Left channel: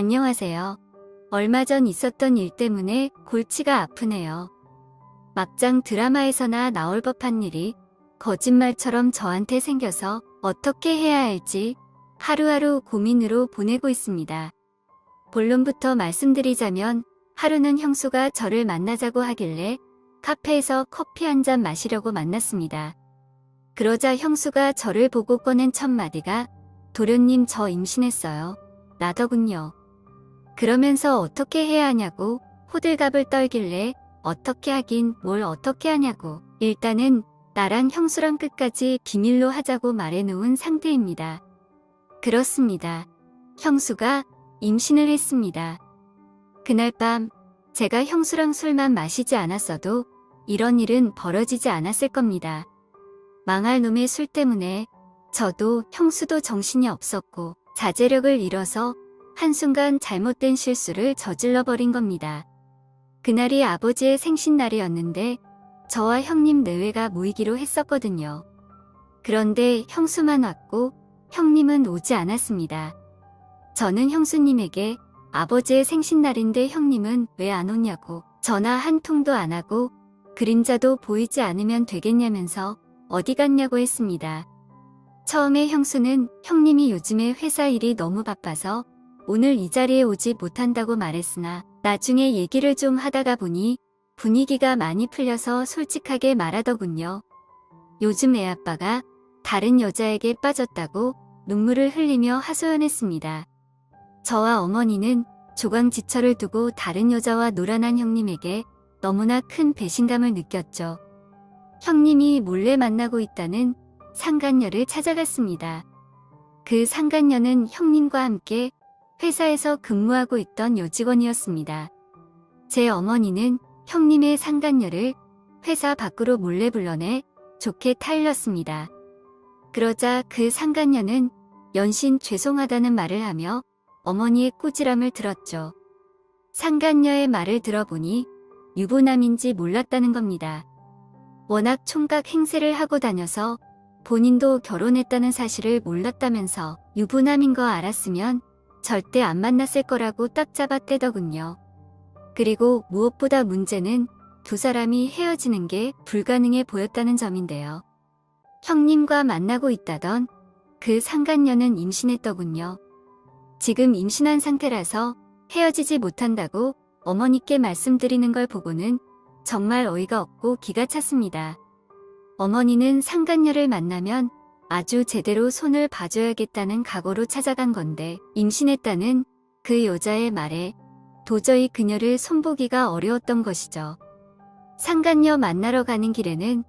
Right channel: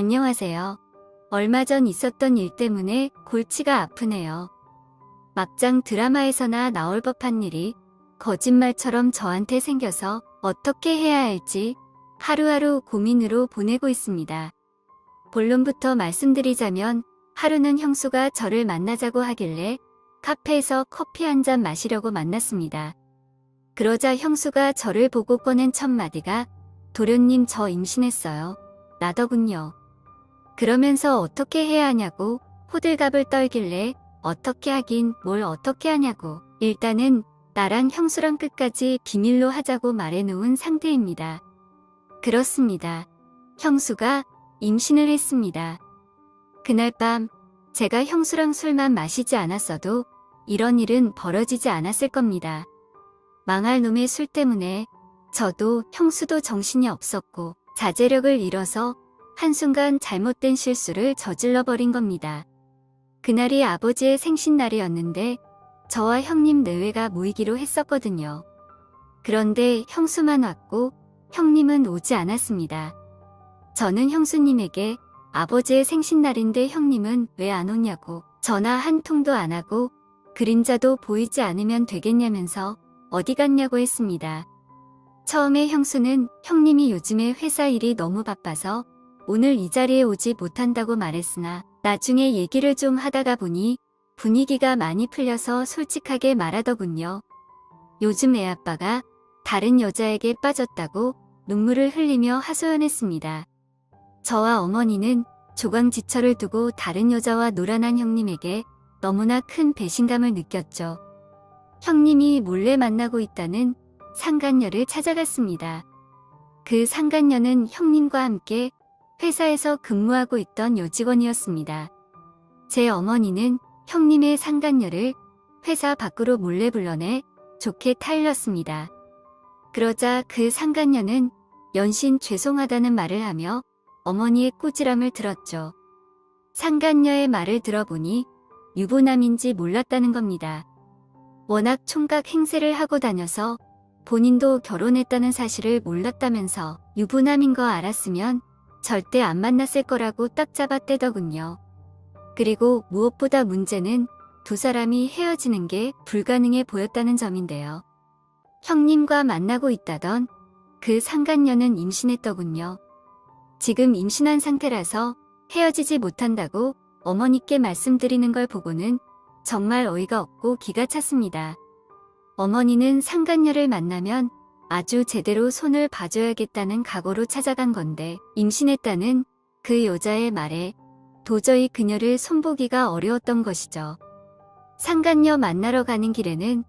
안녕하세요. 얼마 전 있었던 일 때문에 골치가 아프네요. 막장 드라마에서나 나올 법한 일이 거짓말처럼 저한테 생겨서 어떻게 해야 할지 하루하루 고민으로 보내고 있습니다. 본론부터 말씀드리자면 하루는 형수가 저를 만나자고 하길래 카페에서 커피 한 잔 마시려고 만났습니다. 그러자 형수가 저를 보고 꺼낸 첫 마디가 "도련님, 저 임신했어요." 나더군요. 그러면서 어떻게 해야 하냐고 호들갑을 떨길래 어떻게 하긴 뭘 어떻게 하냐고 일단은 나랑 형수랑 끝까지 비밀로 하자고 말해놓은 상태입니다. 그렇습니다. 형수가 임신을 했습니다. 그날 밤 제가 형수랑 술만 마시지 않았어도 이런 일은 벌어지지 않았을 겁니다. 망할 놈의 술 때문에 저도 형수도 정신이 없었고 자제력을 잃어서 한순간 잘못된 실수를 저질러버린 겁니다. 그날이 아버지의 생신날이었는데 저와 형님 내외가 모이기로 했었거든요. 그런데 형수만 왔고 형님은 오지 않았습니다. 저는 형수님에게 아버지의 생신날인데 형님은 왜 안 오냐고 전화 한 통도 안 하고 그림자도 보이지 않으면 되겠냐면서 어디 갔냐고 했습니다. 처음에 형수는 형님이 요즘에 회사 일이 너무 바빠서 오늘 이 자리에 오지 못한다고 말했으나 나중에 얘기를 좀 하다가 보니 분위기가 많이 풀려서 솔직하게 말하더군요. 요즘 애아빠가 다른 여자에게 빠졌다고 눈물을 흘리며 하소연했습니다. 저와 어머니는 조강지처를 두고 다른 여자와 노란한 형님에게 너무나 큰 배신감을 느꼈죠. 형님이 몰래 만나고 있다는 상간녀를 찾아갔습니다. 그 상간녀는 형님과 함께 회사에서 근무하고 있던 여직원이었습니다. 제 어머니는 형님의 상간녀를 회사 밖으로 몰래 불러내 좋게 타일렀습니다. 그러자 그 상간녀는 연신 죄송하다는 말을 하며 어머니의 꼬지람을 들었죠. 상간녀의 말을 들어보니 유부남인지 몰랐다는 겁니다. 워낙 총각 행세를 하고 다녀서 본인도 결혼했다는 사실을 몰랐다면서 유부남인 거 알았으면 절대 안 만났을 거라고 딱 잡아떼더군요. 그리고 무엇보다 문제는 두 사람이 헤어지는 게 불가능해 보였다는 점인데요. 형님과 만나고 있다던 그 상간녀는 임신했더군요. 지금 임신한 상태라서 헤어지지 못한다고 어머니께 말씀드리는 걸 보고는 정말 어이가 없고 기가 찼습니다. 어머니는 상간녀를 만나면 아주 제대로 손을 봐줘야겠다는 각오로 찾아간 건데 임신했다는 그 여자의 말에 도저히 그녀를 손보기가 어려웠던 것이죠. 상간녀 만나러 가는 길에는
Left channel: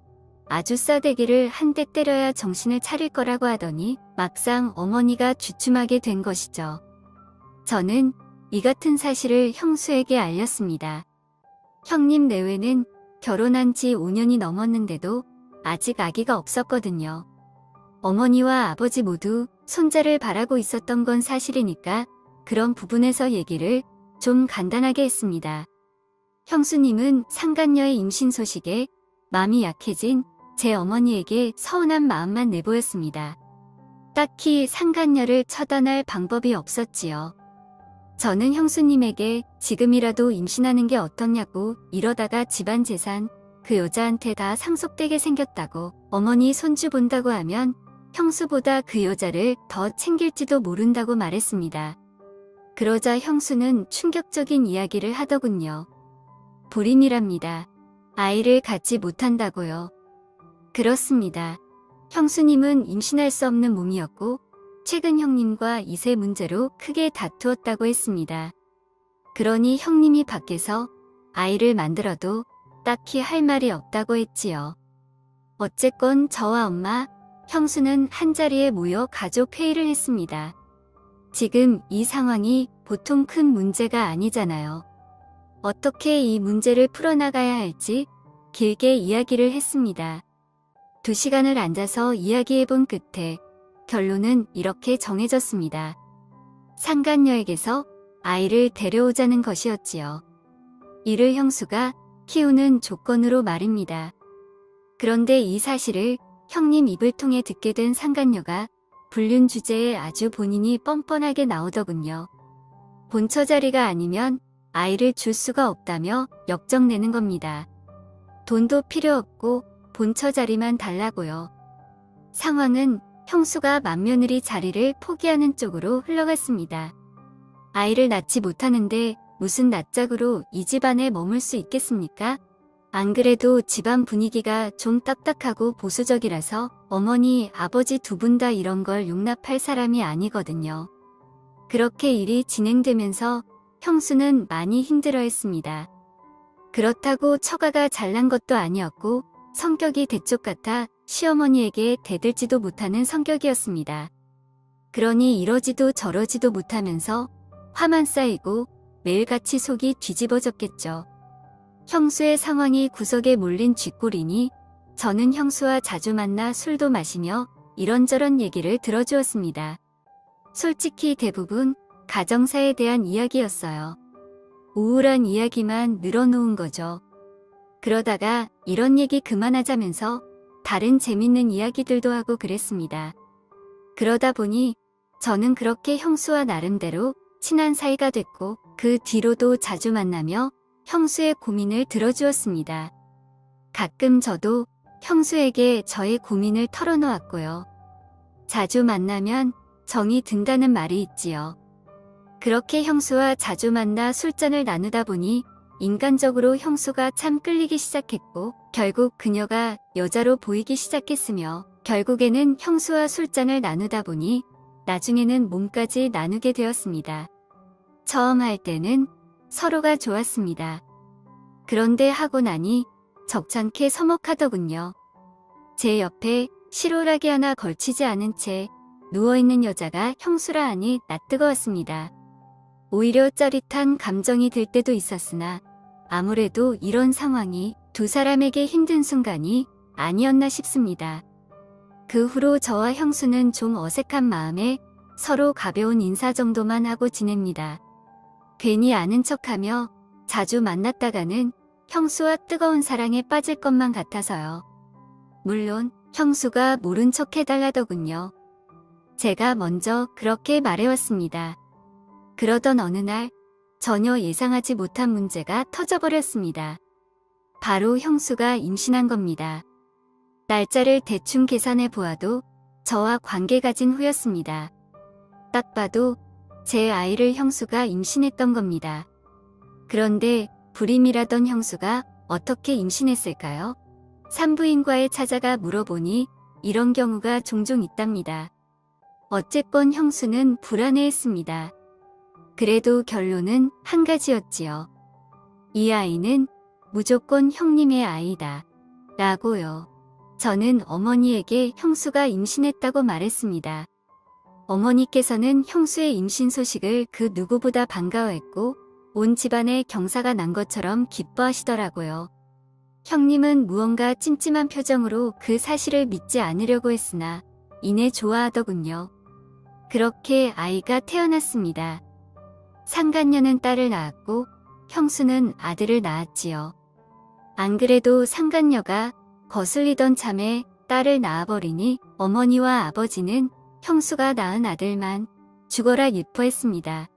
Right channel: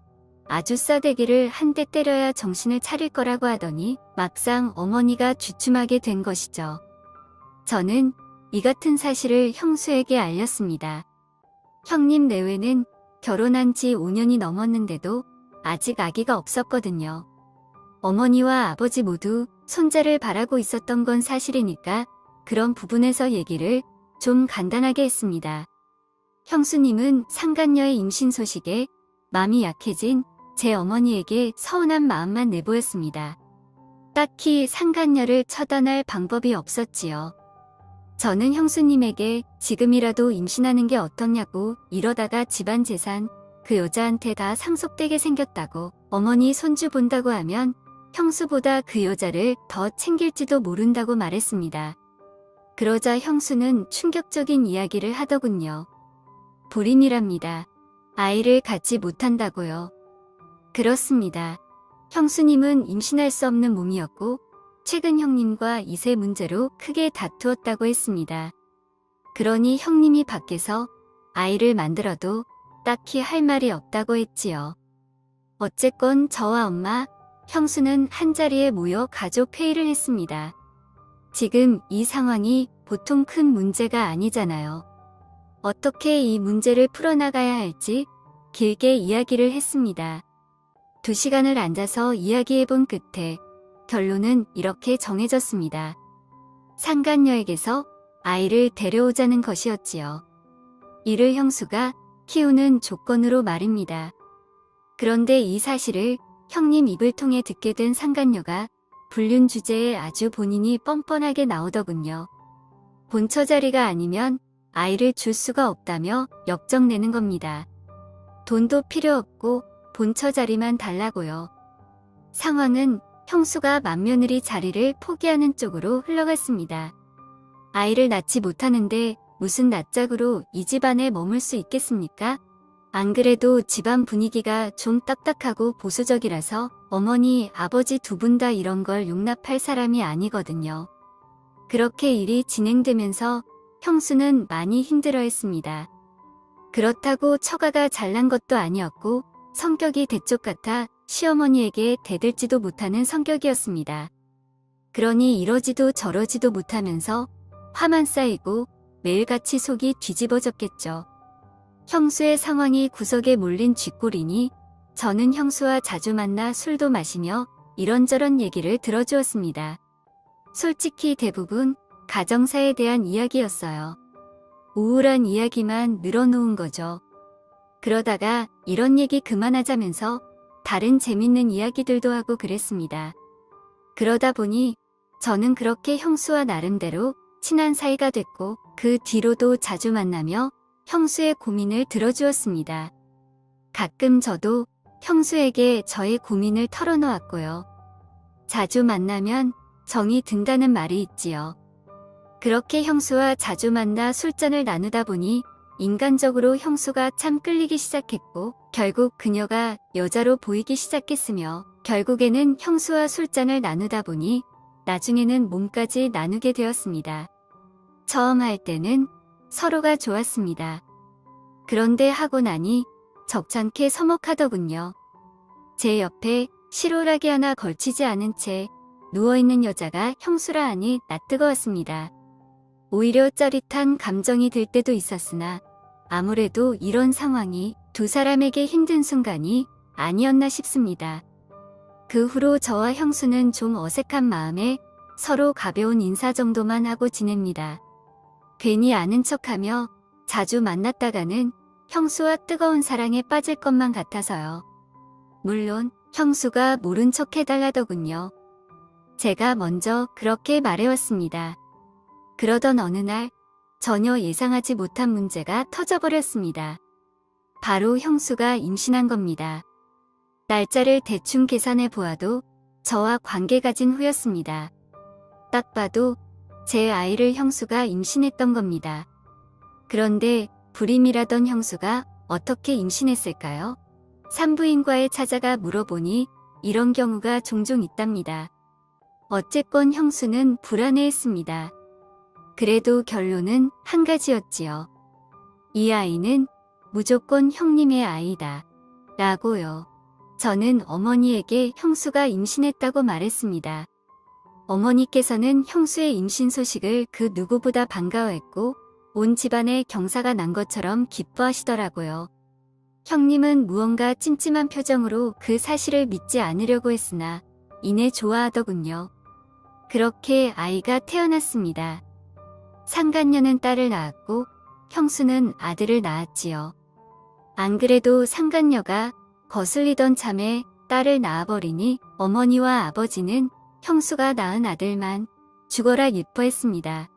아주 싸대기를 한 대 때려야 정신을 차릴 거라고 하더니 막상 어머니가 주춤하게 된 것이죠. 저는 이 같은 사실을 형수에게 알렸습니다. 형님 내외는 결혼한 지 5년이 넘었는데도 아직 아기가 없었거든요. 어머니와 아버지 모두 손자를 바라고 있었던 건 사실이니까 그런 부분에서 얘기를 좀 간단하게 했습니다. 형수님은 상간녀의 임신 소식에 마음이 약해진 제 어머니에게 서운한 마음만 내보였습니다. 딱히 상간녀를 처단할 방법이 없었지요. 저는 형수님에게 지금이라도 임신하는 게 어떻냐고 이러다가 집안 재산 그 여자한테 다 상속되게 생겼다고 어머니 손주 본다고 하면 형수보다 그 여자를 더 챙길지도 모른다고 말했습니다. 그러자 형수는 충격적인 이야기를 하더군요. 불임이랍니다. 아이를 갖지 못한다고요. 그렇습니다. 형수님은 임신할 수 없는 몸이었고 최근 형님과 이세 문제로 크게 다투었다고 했습니다. 그러니 형님이 밖에서 아이를 만들어도 딱히 할 말이 없다고 했지요. 어쨌건 저와 엄마, 형수는 한자리에 모여 가족 회의를 했습니다. 지금 이 상황이 보통 큰 문제가 아니잖아요. 어떻게 이 문제를 풀어나가야 할지 길게 이야기를 했습니다. 2시간을 앉아서 이야기해본 끝에 결론은 이렇게 정해졌습니다. 상간녀에게서 아이를 데려오자는 것이었지요. 이를 형수가 키우는 조건으로 말입니다. 그런데 이 사실을 형님 입을 통해 듣게 된 상간녀가 불륜 주제에 아주 본인이 뻔뻔하게 나오더군요. 본처 자리가 아니면 아이를 줄 수가 없다며 역정내는 겁니다. 돈도 필요 없고 본처 자리만 달라고요. 상황은 형수가 맏며느리 자리를 포기하는 쪽으로 흘러갔습니다. 아이를 낳지 못하는데 무슨 낯짝으로 이 집안에 머물 수 있겠습니까? 안 그래도 집안 분위기가 좀 딱딱하고 보수적이라서 어머니, 아버지 두 분 다 이런 걸 용납할 사람이 아니거든요. 그렇게 일이 진행되면서 형수는 많이 힘들어했습니다. 그렇다고 처가가 잘난 것도 아니었고 성격이 대쪽 같아 시어머니에게 대들지도 못하는 성격이었습니다. 그러니 이러지도 저러지도 못하면서 화만 쌓이고 매일같이 속이 뒤집어졌겠죠. 형수의 상황이 구석에 몰린 쥐꼬리니 저는 형수와 자주 만나 술도 마시며 이런저런 얘기를 들어주었습니다. 솔직히 대부분 가정사에 대한 이야기였어요. 우울한 이야기만 늘어놓은 거죠. 그러다가 이런 얘기 그만하자면서 다른 재밌는 이야기들도 하고 그랬습니다. 그러다 보니 저는 그렇게 형수와 나름대로 친한 사이가 됐고 그 뒤로도 자주 만나며 형수의 고민을 들어주었습니다. 가끔 저도 형수에게 저의 고민을 털어놓았고요. 자주 만나면 정이 든다는 말이 있지요. 그렇게 형수와 자주 만나 술잔을 나누다 보니 인간적으로 형수가 참 끌리기 시작했고 결국 그녀가 여자로 보이기 시작했으며 결국에는 형수와 술잔을 나누다 보니 나중에는 몸까지 나누게 되었습니다. 처음 할 때는 서로가 좋았습니다. 그런데 하고 나니 적잖게 서먹하더군요. 제 옆에 실오라기 하나 걸치지 않은 채 누워있는 여자가 형수라 하니 낯뜨거웠습니다. 오히려 짜릿한 감정이 들 때도 있었으나 아무래도 이런 상황이 두 사람에게 힘든 순간이 아니었나 싶습니다. 그 후로 저와 형수는 좀 어색한 마음에 서로 가벼운 인사 정도만 하고 지냅니다. 괜히 아는 척하며 자주 만났다가는 형수와 뜨거운 사랑에 빠질 것만 같아서요. 물론 형수가 모른 척 해달라더군요. 제가 먼저 그렇게 말해왔습니다. 그러던 어느 날 전혀 예상하지 못한 문제가 터져버렸습니다. 바로 형수가 임신한 겁니다. 날짜를 대충 계산해 보아도 저와 관계 가진 후였습니다. 딱 봐도 제 아이를 형수가 임신했던 겁니다. 그런데 불임이라던 형수가 어떻게 임신했을까요? 산부인과에 찾아가 물어보니 이런 경우가 종종 있답니다. 어쨌건 형수는 불안해했습니다. 그래도 결론은 한 가지였지요. 이 아이는 무조건 형님의 아이다. 라고요. 저는 어머니에게 형수가 임신했다고 말했습니다. 어머니께서는 형수의 임신 소식을 그 누구보다 반가워했고 온 집안에 경사가 난 것처럼 기뻐하시더라고요. 형님은 무언가 찜찜한 표정으로 그 사실을 믿지 않으려고 했으나 이내 좋아하더군요. 그렇게 아이가 태어났습니다. 상간녀는 딸을 낳았고 형수는 아들을 낳았지요. 안 그래도 상간녀가 거슬리던 참에 딸을 낳아버리니 어머니와 아버지는 형수가 낳은 아들만 죽어라 예뻐했습니다.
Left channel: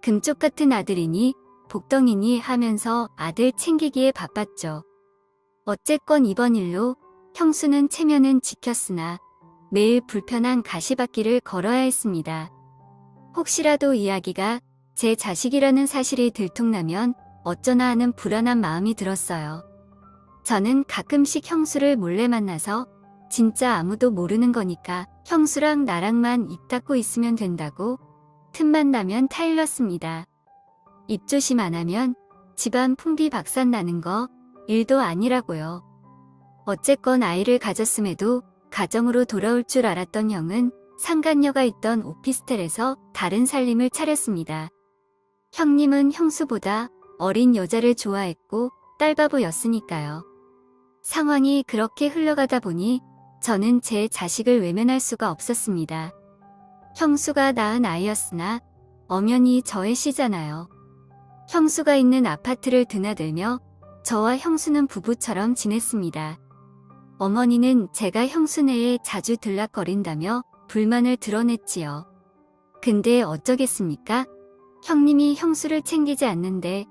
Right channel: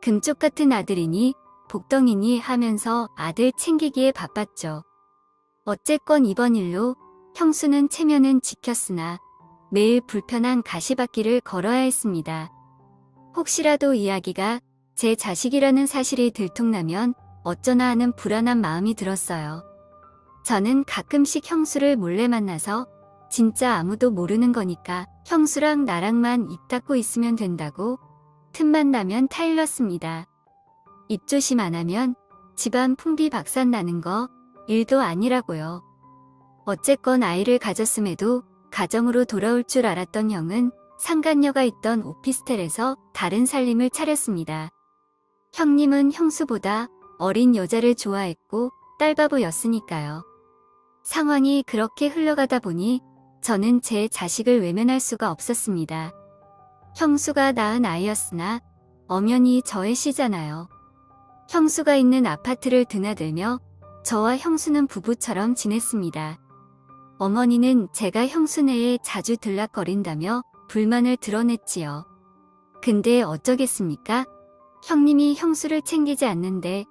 금쪽 같은 아들이니 복덩이니 하면서 아들 챙기기에 바빴죠. 어쨌건 이번 일로 형수는 체면은 지켰으나 매일 불편한 가시밭길을 걸어야 했습니다. 혹시라도 이야기가 제 자식이라는 사실이 들통나면 어쩌나 하는 불안한 마음이 들었어요. 저는 가끔씩 형수를 몰래 만나서 진짜 아무도 모르는 거니까 형수랑 나랑만 입 닫고 있으면 된다고 틈만 나면 타일렀습니다. 입조심 안 하면 집안 풍비박산 나는 거 일도 아니라고요. 어쨌건 아이를 가졌음에도 가정으로 돌아올 줄 알았던 형은 상간녀가 있던 오피스텔에서 다른 살림을 차렸습니다. 형님은 형수보다 어린 여자를 좋아했고 딸바보였으니까요. 상황이 그렇게 흘러가다 보니 저는 제 자식을 외면할 수가 없었습니다. 형수가 낳은 아이였으나 엄연히 저의 시잖아요. 형수가 있는 아파트를 드나들며 저와 형수는 부부처럼 지냈습니다. 어머니는 제가 형수네에 자주 들락거린다며 불만을 드러냈지요. 근데 어쩌겠습니까? 형님이 형수를 챙기지 않는데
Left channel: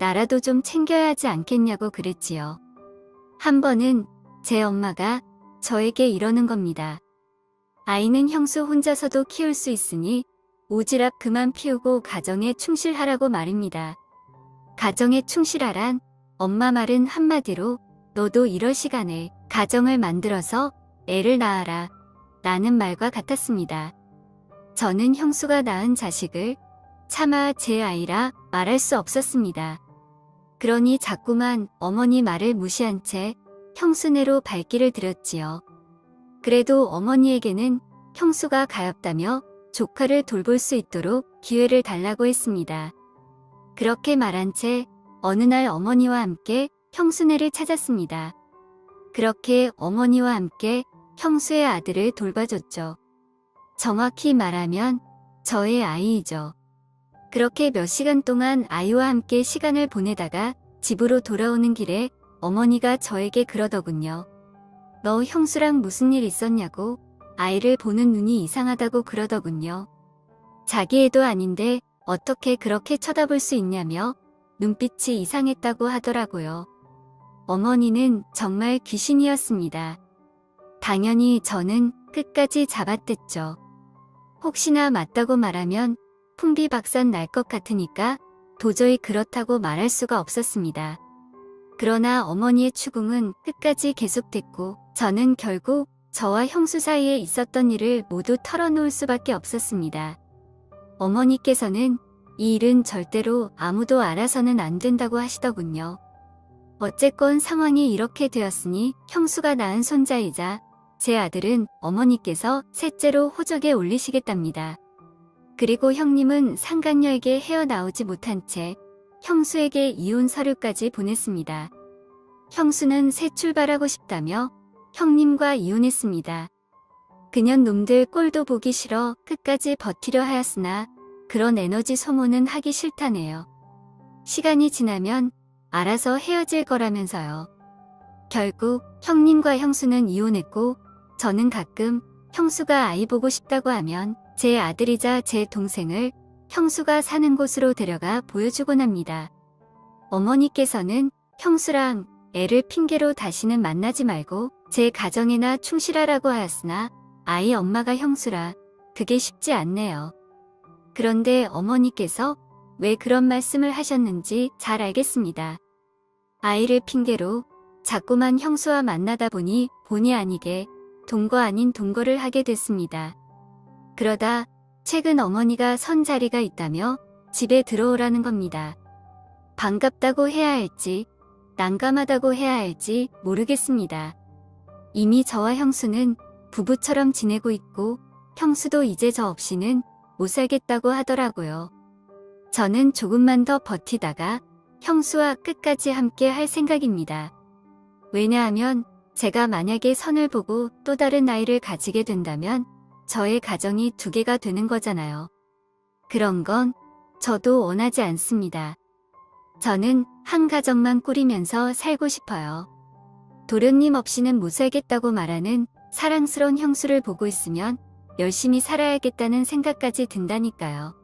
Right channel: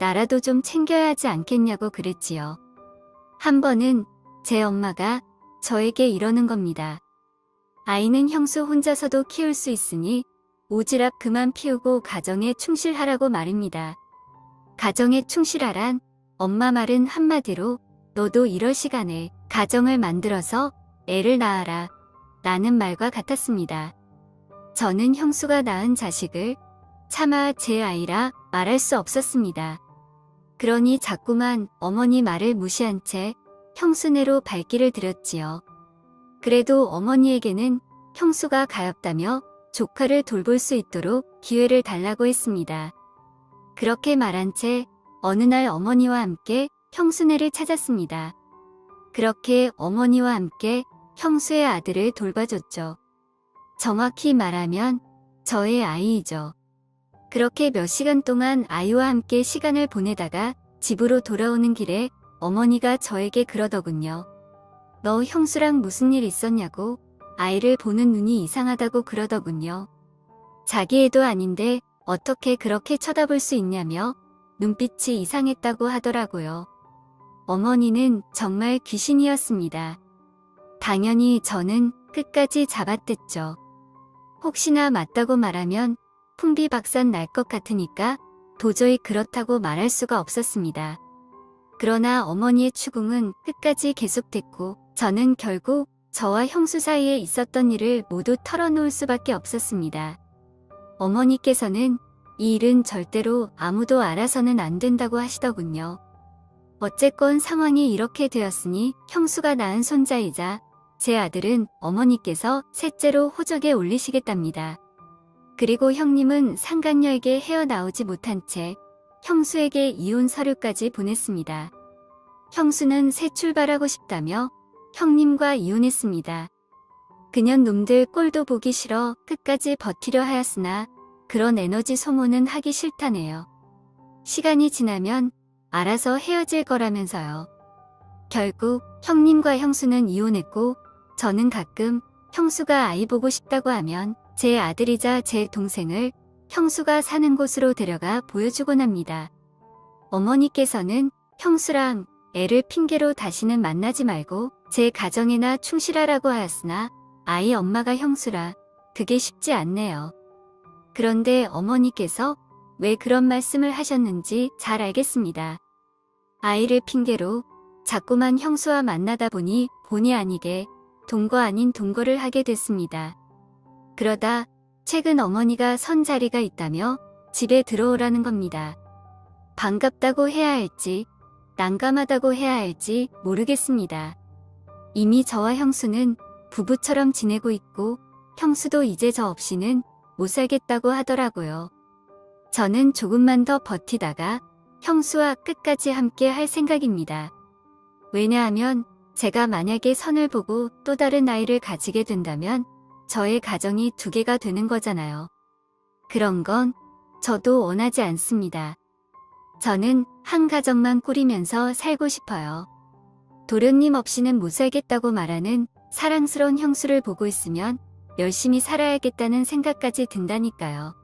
나라도 좀 챙겨야 하지 않겠냐고 그랬지요. 한 번은 제 엄마가 저에게 이러는 겁니다. 아이는 형수 혼자서도 키울 수 있으니 오지랖 그만 피우고 가정에 충실하라고 말입니다. 가정에 충실하란 엄마 말은 한마디로 너도 이럴 시간에 가정을 만들어서 애를 낳아라 라는 말과 같았습니다. 저는 형수가 낳은 자식을 차마 제 아이라 말할 수 없었습니다. 그러니 자꾸만 어머니 말을 무시한 채 형수네로 발길을 들였지요. 그래도 어머니에게는 형수가 가엾다며 조카를 돌볼 수 있도록 기회를 달라고 했습니다. 그렇게 말한 채 어느 날 어머니와 함께 형수네를 찾았습니다. 그렇게 어머니와 함께 형수의 아들을 돌봐줬죠. 정확히 말하면 저의 아이이죠. 그렇게 몇 시간 동안 아이와 함께 시간을 보내다가 집으로 돌아오는 길에 어머니가 저에게 그러더군요. 너 형수랑 무슨 일 있었냐고 아이를 보는 눈이 이상하다고 그러더군요. 자기 애도 아닌데 어떻게 그렇게 쳐다볼 수 있냐며 눈빛이 이상했다고 하더라고요. 어머니는 정말 귀신이었습니다. 당연히 저는 끝까지 잡아댔죠. 혹시나 맞다고 말하면 풍비박산 날 것 같으니까 도저히 그렇다고 말할 수가 없었습니다. 그러나 어머니의 추궁은 끝까지 계속됐고 저는 결국 저와 형수 사이에 있었던 일을 모두 털어놓을 수밖에 없었습니다. 어머니께서는 이 일은 절대로 아무도 알아서는 안 된다고 하시더군요. 어쨌건 상황이 이렇게 되었으니 형수가 낳은 손자이자 제 아들은 어머니께서 셋째로 호적에 올리시겠답니다. 그리고 형님은 상간녀에게 헤어나오지 못한 채 형수에게 이혼 서류까지 보냈습니다. 형수는 새 출발하고 싶다며 형님과 이혼했습니다. 그년 놈들 꼴도 보기 싫어 끝까지 버티려 하였으나 그런 에너지 소모는 하기 싫다네요. 시간이 지나면 알아서 헤어질 거라면서요. 결국 형님과 형수는 이혼했고 저는 가끔 형수가 아이 보고 싶다고 하면 제 아들이자 제 동생을 형수가 사는 곳으로 데려가 보여주곤 합니다. 어머니께서는 형수랑 애를 핑계로 다시는 만나지 말고 제 가정에나 충실하라고 하였으나 아이 엄마가 형수라 그게 쉽지 않네요. 그런데 어머니께서 왜 그런 말씀을 하셨는지 잘 알겠습니다. 아이를 핑계로 자꾸만 형수와 만나다 보니 본의 아니게 동거 아닌 동거를 하게 됐습니다. 그러다 최근 어머니가 선 자리가 있다며 집에 들어오라는 겁니다. 반갑다고 해야 할지 난감하다고 해야 할지 모르겠습니다. 이미 저와 형수는 부부처럼 지내고 있고 형수도 이제 저 없이는 못 살겠다고 하더라고요. 저는 조금만 더 버티다가 형수와 끝까지 함께 할 생각입니다. 왜냐하면 제가 만약에 선을 보고 또 다른 아이를 가지게 된다면 저의 가정이 두 개가 되는 거잖아요. 그런 건 저도 원하지 않습니다. 저는 한 가정만 꾸리면서 살고 싶어요. 도련님 없이는 못 살겠다고 말하는 사랑스러운 형수를 보고 있으면 열심히 살아야겠다는 생각까지 든다니까요.